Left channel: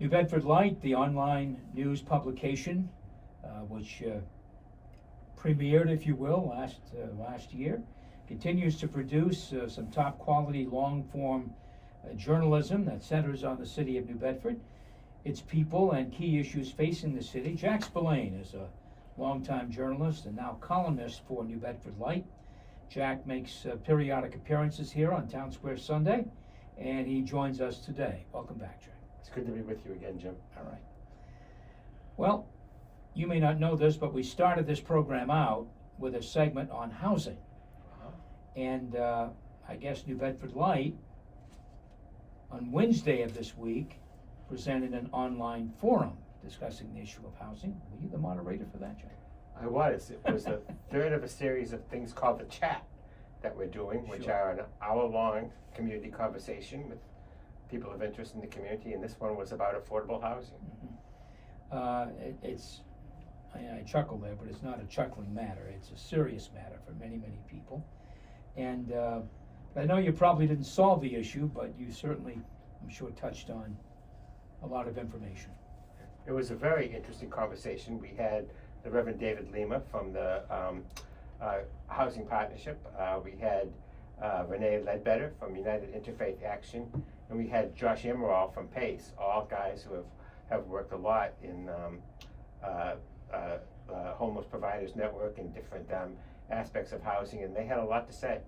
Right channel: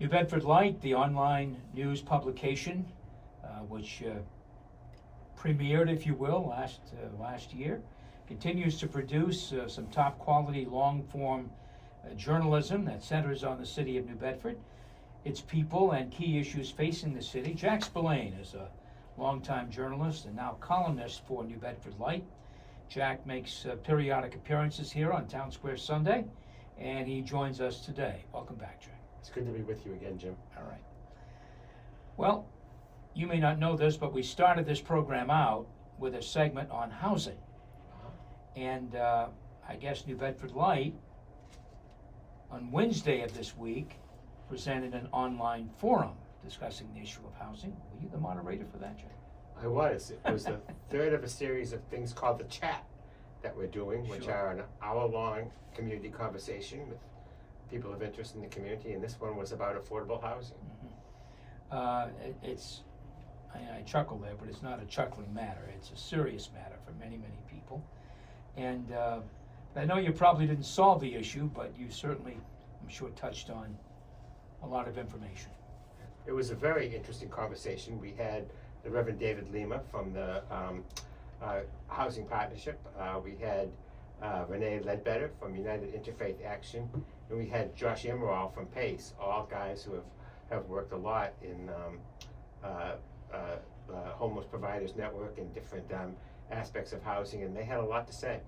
New Bedford Light, the online news publication, which premiered, if you will, last year, continues to produce some top quality long form journalism that centers on the city of New Bedford, its people and key issues facing the city. Jack Spillane is a longtime journalist and now columnist for New Bedford Light. Jack makes periodic appearances here on Town Square Sunday, and he joins us today. Welcome back, Jack. It's good to be with you again, Jim. All right. Well, you may not know this, but we started this program out with a segment on housing. And I guess New Bedford Light, on Wednesday of this week, presented an online forum discussing the issue of housing. Were you the moderator for that, Jack? I was. It was the third of a series of things called the Chat that we're doing, which Sure. are an hour-long community conversation with people of interest in the community, and this one was about affordable housing. I chuckle there, but it's not a chuckling matter. It's a serious matter for many, many people. And I know you probably didn't solve the issue, but you certainly, I'm sure, touched on a lot of information. It was a very interesting conversation. We had the Reverend David Lima from the Housing Partnership. We had Renee Ledbetter from United Interfaith Action, and we had Josh Emerald from PACE, all guys who have worked a lot in Homeless Providers Network and different aspects of housing, and they had a lot to say.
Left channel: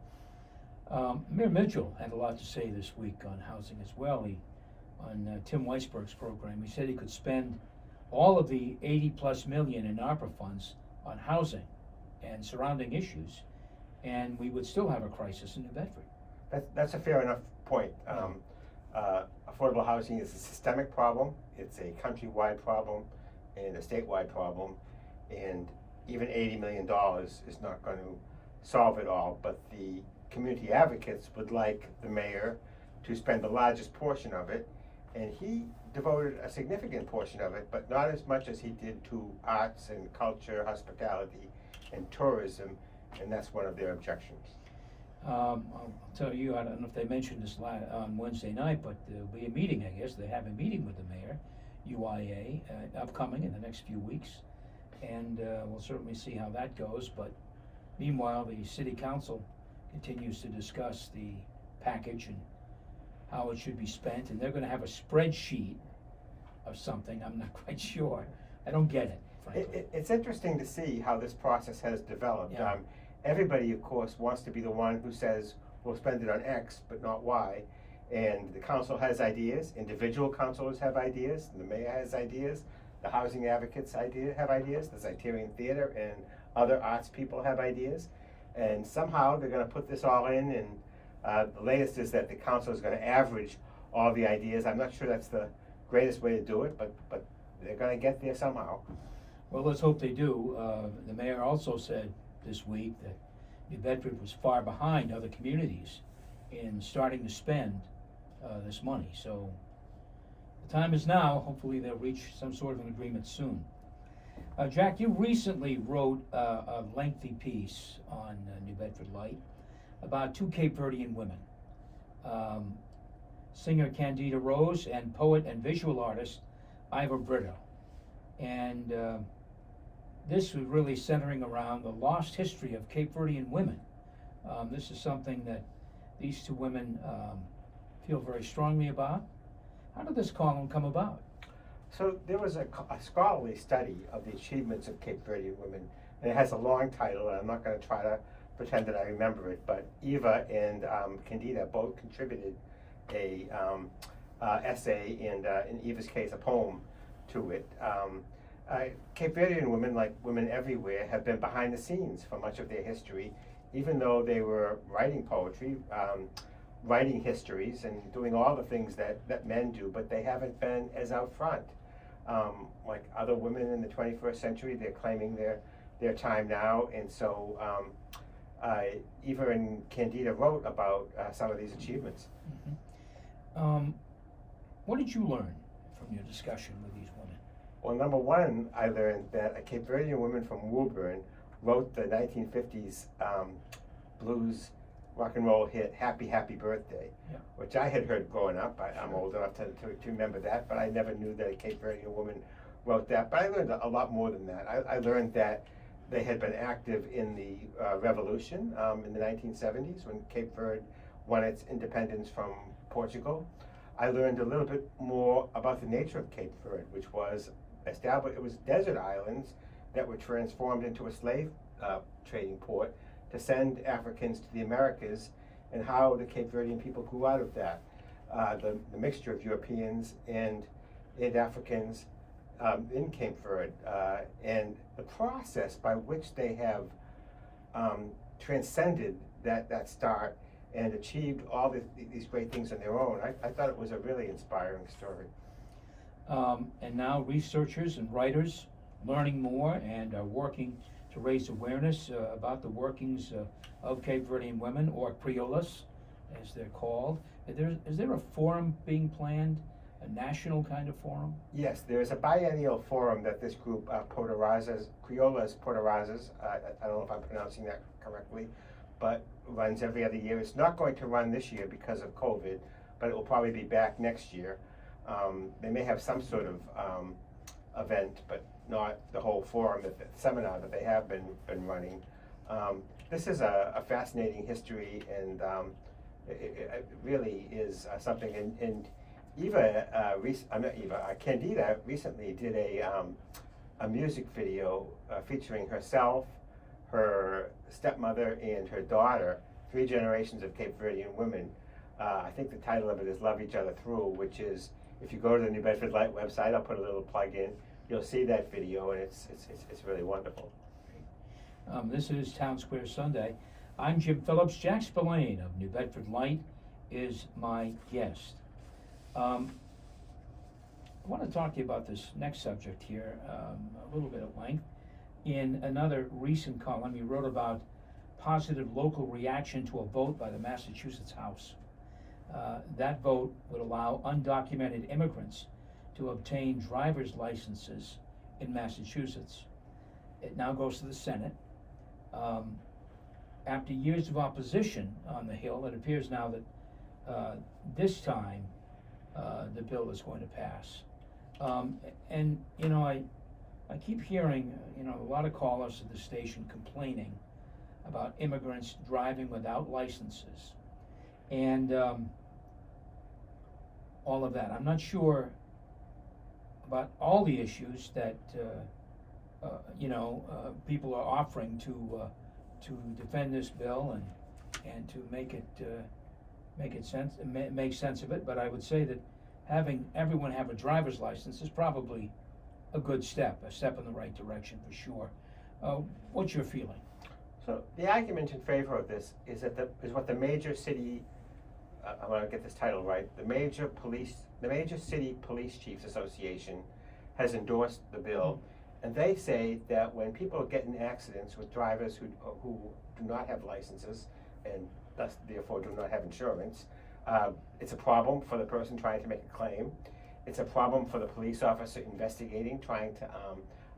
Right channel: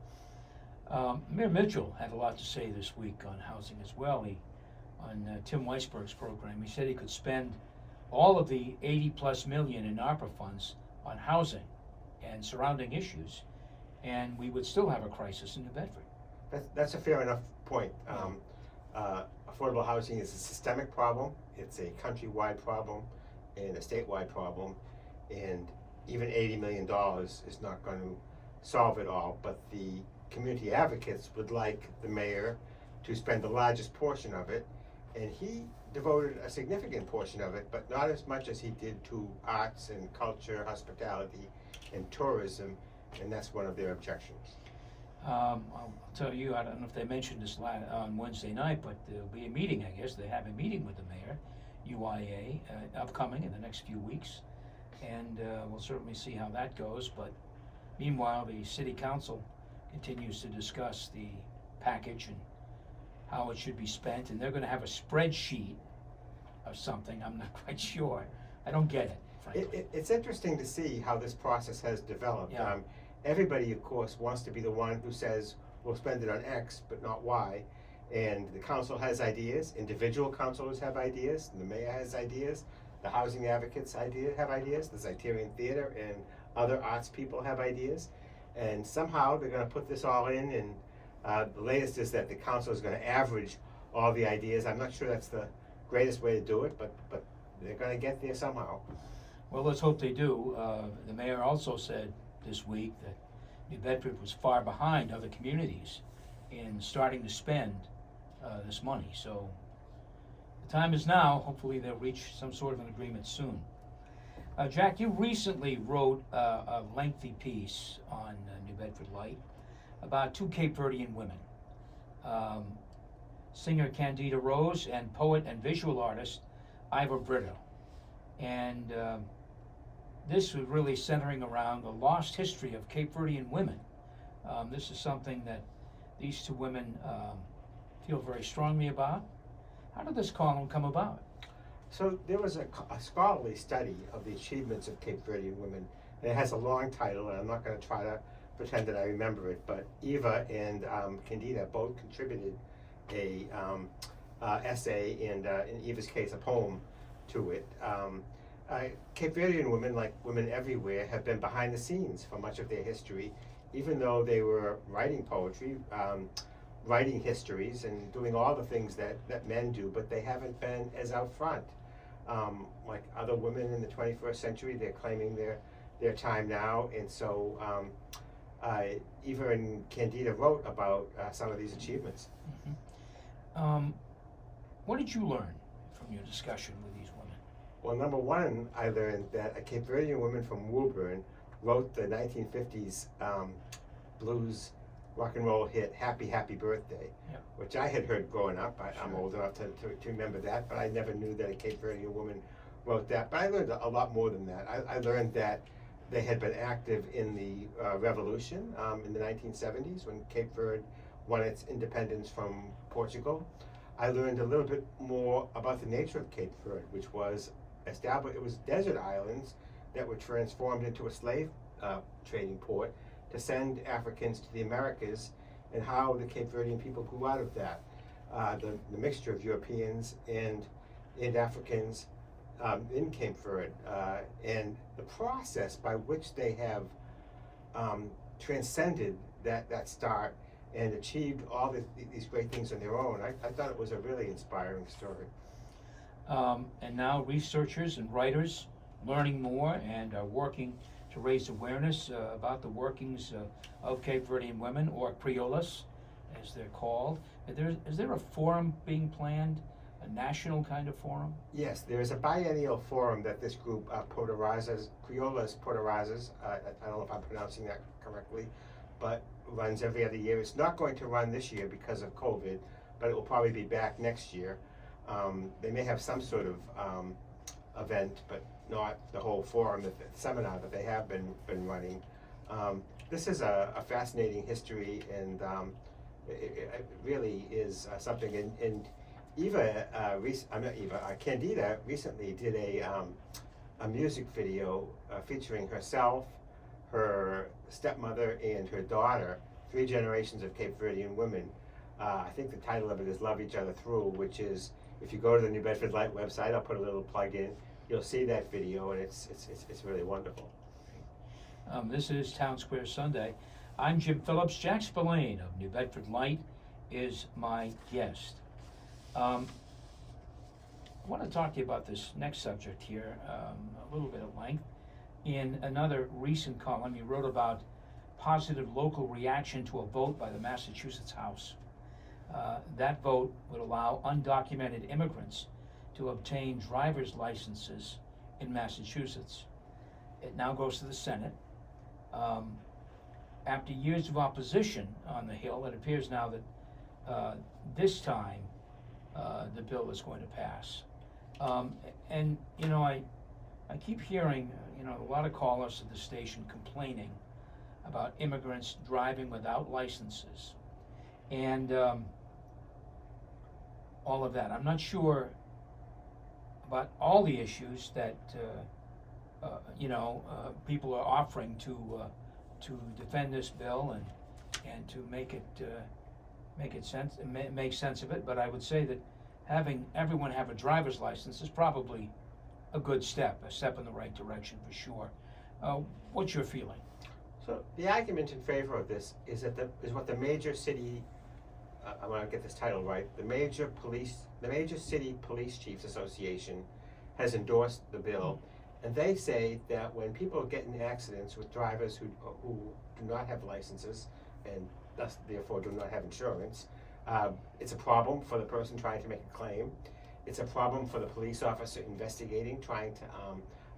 Mayor Mitchell had a lot to say this week on housing as well. On Tim Weisberg's program, he said he could spend all of the 80+ million in ARPA funds on housing and surrounding issues, and we would still have a crisis in New Bedford. That's a fair enough point. Affordable housing is a systemic problem. It's a countrywide problem and a statewide problem, and even $80 million is not going to solve it all, but the community advocates would like the mayor to spend the largest portion of it, and he devoted a significant portion of it, but not as much as he did to arts and culture, hospitality, and tourism, and that's one of their objections. I'll tell you, I don't know if they mentioned this on Wednesday night, but there'll be a meeting, I guess. They have a meeting with the mayor, UIA, upcoming in the next few weeks, and we'll certainly see how that goes. But meanwhile, the city council continues to discuss the package and how it should be spent, and they're going to have a spreadsheet of something. I'm not quite sure. I don't get it, frankly. It's interesting to see how this process has developed. Yeah. Everybody, of course, wants to be the one who says we'll spend it on X but not Y, and the council has ideas, individual councilors have ideas, the mayor has ideas, the housing advocates have ideas, the Zeitarian Theater and other arts people have ideas, and somehow they're going to put this all in, and the latest is that the council is going to average all the ideas. I'm not sure that's the greatest way to do it, but they're going to get there somehow. Well, let's hope they do. The mayor also said this week that New Bedford was far behind other communities in starting to spend this money. So the time is now. Hopefully they'll reach some sort of an agreement soon. Jack, you recently wrote a lengthy piece on New Bedford Light about two Cape Verdean women, singer Candida Rose and poet and visual artist Ivor Brito. And this was really centering around the lost history of Cape Verdean women. This is something that these two women feel very strongly about. How did this column come about? So there was a scholarly study of the achievements of Cape Verdean women, and it has a long title, and I'm not going to try to pretend that I remember it, but Eva and Candida both contributed a essay, and in Eva's case, a poem to it. Cape Verdean women, like women everywhere, have been behind the scenes for much of their history, even though they were writing poetry, writing histories, and doing all the things that men do, but they haven't been as out front. Like other women in the 21st century, they're claiming their time now, and so Eva and Candida wrote about some of these achievements. Mm-hmm. What did you learn from your discussion with these women? Well, number one, I learned that a Cape Verdean woman from Woburn wrote the 1950s blues rock and roll hit Happy Happy Birthday, Yeah. which I had heard growing up. I'm Sure. old enough to remember that, but I never knew that a Cape Verdean woman wrote that. But I learned a lot more than that. I learned that they had been active in the revolution in the 1970s when Cape Verde won its independence from Portugal. I learned a little bit more about the nature of Cape Verde, which was established. It was desert islands that were transformed into a slave trading port to send Africans to the Americas, and how the Cape Verdean people grew out of that. The mixture of Europeans and Africans in Cape Verde, and the process by which they have transcended that start and achieved all these great things on their own. I thought it was a really inspiring story. And now researchers and writers learning more and are working to raise awareness about the workings of Cape Verdean women, or criollas, as they're called. Is there a forum being planned, a national kind of forum? Yes, there is a biennial forum that this group, Criollas Poderazas, I don't know if I'm pronouncing that correctly, but runs every other year. It's not going to run this year because of COVID, but it will probably be back next year. They may have some sort of event, but not the whole forum, the seminar that they have been running. This is a fascinating history, and it really is something. And Candida recently did a music video featuring herself, her stepmother, and her daughter, 3 generations of Cape Verdean women. I think the title of it is Love Each Other Through, which is, if you go to the New Bedford Light website, I'll put a little plug in, you'll see that video, and it's really wonderful. This is Town Square Sunday. I'm Jim Phillips. Jack Spillane of New Bedford Light is my guest. I want to talk to you about this next subject here a little bit at length. In another recent column, you wrote about positive local reaction to a vote by the Massachusetts House. That vote would allow undocumented immigrants to obtain driver's licenses in Massachusetts. It now goes to the Senate. After years of opposition on the Hill, it appears now that this time the bill is going to pass. And you know, I keep hearing a lot of callers at the station complaining about immigrants driving without licenses and all of that. I'm not sure about all the issues that people are offering to defend this bill and to make sense of it. But I would say that having everyone have a driver's license is probably a good step, a step in the right direction for sure. What's your feeling? So the argument in favor of this is what the major city, I want to get this title right, the major city police chiefs association has endorsed the bill, and they say that when people get in accidents with drivers who do not have licenses and thus therefore do not have insurance, it's a problem for the person trying to make a claim. It's a problem for the police officer investigating, trying to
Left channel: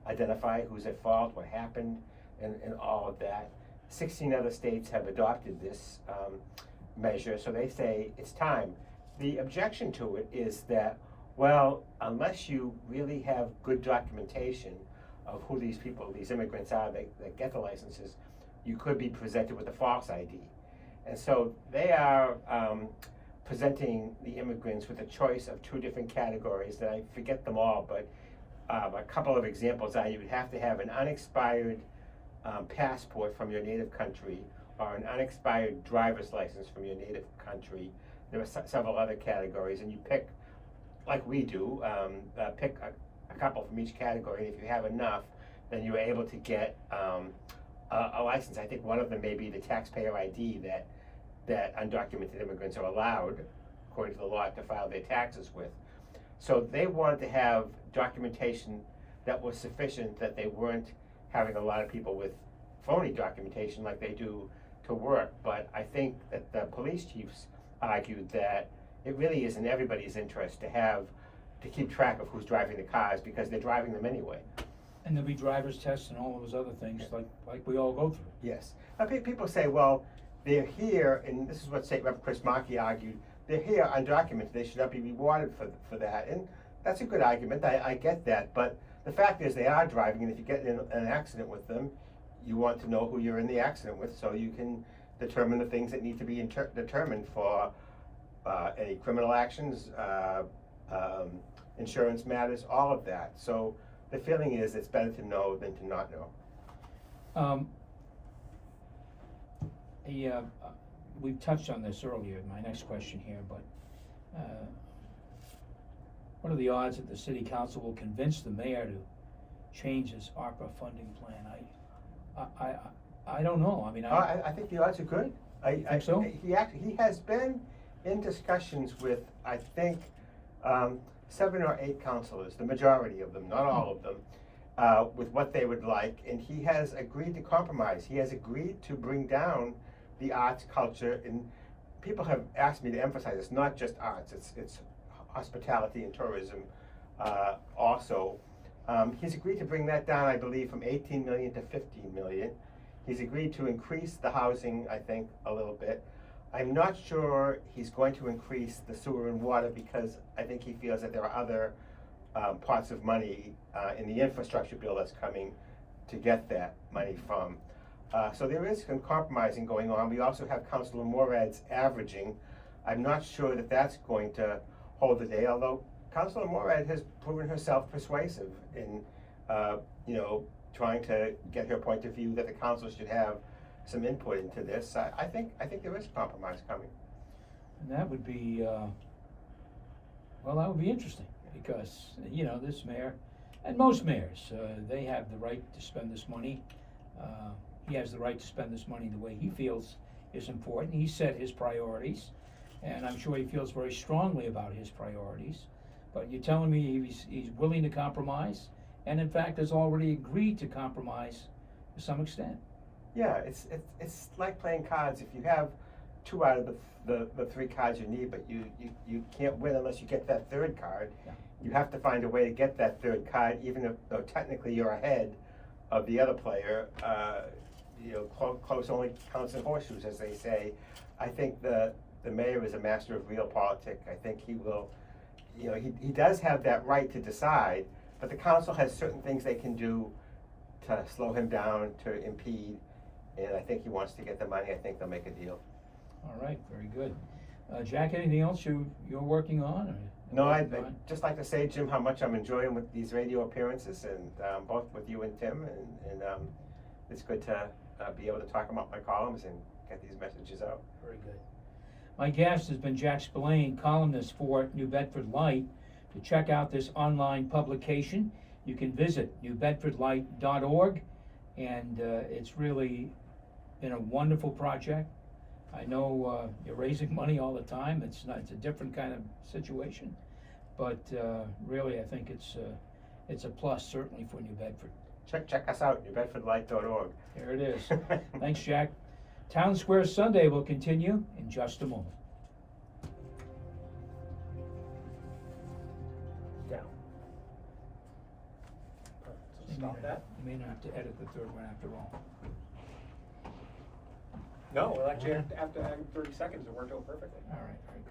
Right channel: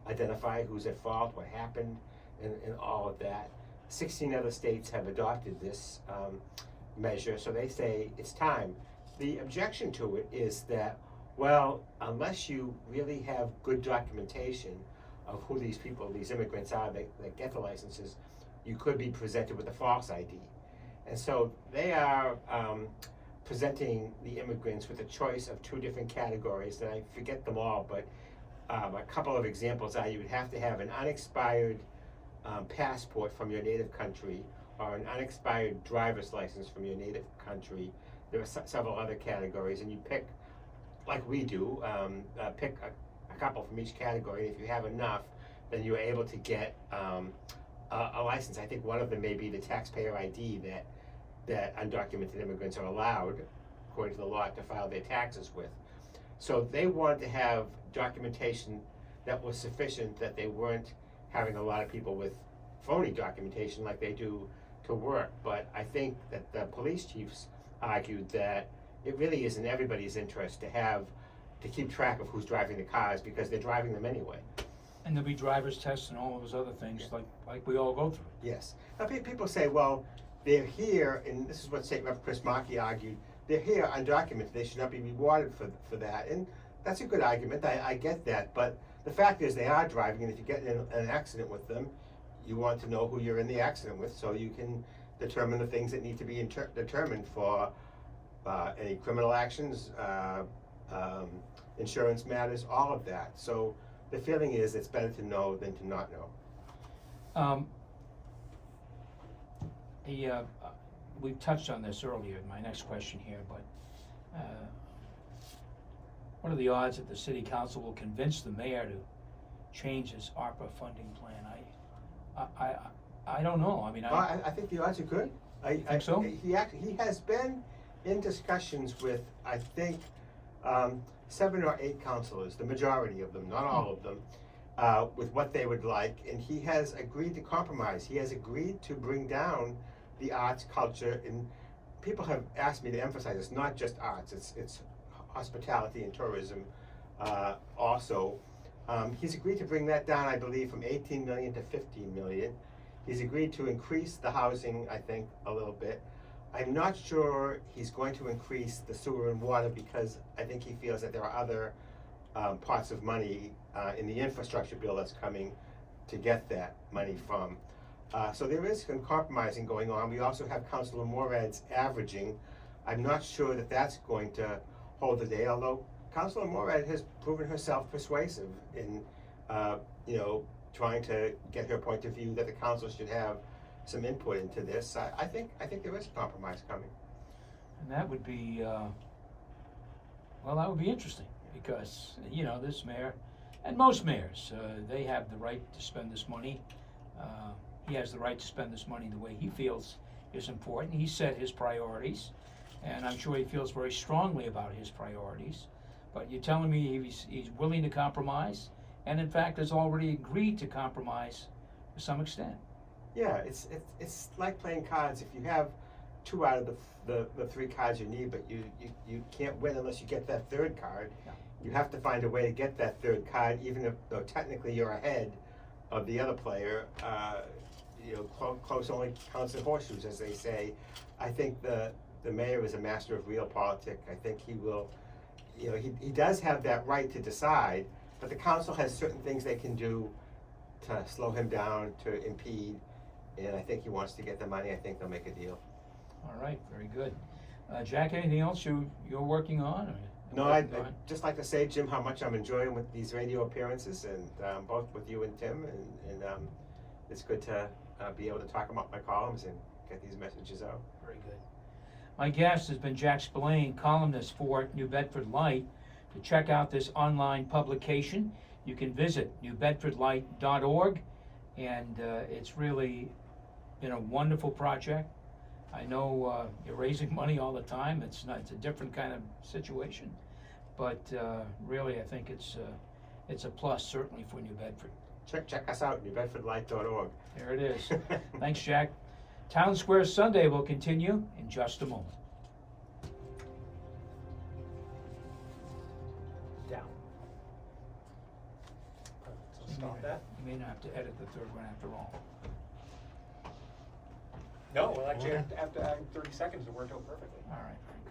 identify who's at fault, what happened, and all of that. 16 other states have adopted this measure, so they say it's time. The objection to it is that, well, unless you really have good documentation of who these immigrants are that get the licenses, you could be presented with a false ID. And so they are presenting the immigrants with a choice of 2 different categories, and I forget them all, but a couple of examples are you would have to have an unexpired passport from your native country, or an unexpired driver's license from your native country. There are several other categories, and you pick, like we do, pick a couple from each category, and if you have enough, then you're able to get a license. I think one of them may be the taxpayer ID that undocumented immigrants are allowed, according to the law, to file their taxes with. So they wanted to have documentation that was sufficient, that they weren't having a lot of people with phony documentation like they do to work. But I think that the police chiefs argued that it really is in everybody's interest to keep track of who's driving the cars, because they're driving them anyway. And there'll be driver's tests and all of those other things like we all go through. Yes. Now, people say, well, they're here, and this is what State Rep Chris Markey argued, they're here undocumented, they should not be rewarded for that, and that's a good argument, I get that, but the fact is they are driving, and if you get in an accident with them, you want to know who you're in the accident with, so you can determine the things that need to be determined for any criminal actions, insurance matters, all of that. So the feeling is it's better to know than to not know. We've touched on this earlier in my next question here, but what are the odds that the city council will convince the mayor to change his ARPA funding plan? I don't know. I mean, I think the odds are good. I think so. He has been in discussions with, I think, 7 or 8 councilors, the majority of them, not all of them, with what they would like, and he has agreed to compromise. He has agreed to bring down the arts, culture, and people have asked me to emphasize it's not just arts, it's hospitality and tourism also. He's agreed to bring that down, I believe, from 18 million to 15 million. He's agreed to increase the housing, I think, a little bit. I'm not sure he's going to increase the sewer and water because I think he feels that there are other pots of money in the infrastructure bill that's coming to get that money from. So there is some compromising going on. We also have Councilor Morad's averaging. I'm not sure that that's going to hold the day, although Councilor Morad has proven herself persuasive in, trying to get her point of view that the council should have some input into this. I think there is a compromise coming. And that would be, that would be interesting because, this mayor, and most mayors, they have the right to spend this money. He has the right to spend this money the way he feels is important. He set his priorities, and I'm sure he feels very strongly about his priorities. But you're telling me he's willing to compromise, and in fact has already agreed to compromise to some extent. Yeah, it's like playing cards. If you have 2 out of the 3 cards you need, but you can't win unless you get that 3rd card. Yeah. You have to find a way to get that 3rd card, even though technically you're ahead of the other player. Close only counts in horseshoes, as they say. I think the mayor is a master of realpolitik. I think he will, he does have that right to decide, but the council has certain things they can do to slow him down, to impede, and I think he wants to get the money. I think they'll make a deal. All right, very good. Jack, anything else you're working on? Or no, I'd just like to say, Jim, how much I'm enjoying with these radio appearances, and both with you and Tim, and it's good to be able to talk about my columns and get these messages out. Very good. My guest has been Jack Spillane, columnist for New Bedford Light. To check out this online publication, you can visit newbedfordlight.org, and it's really been a wonderful project. I know you're raising money all the time. It's a different kind of situation, but really I think it's a plus certainly for New Bedford. Check us out, newbedfordlight.org. There it is. Thanks, Jack. Town Square Sunday will continue in just a moment. Down. So stop that. You may not have to edit the 3rd one after all. No, well, actually, after 30 seconds, it worked out perfectly. All right, very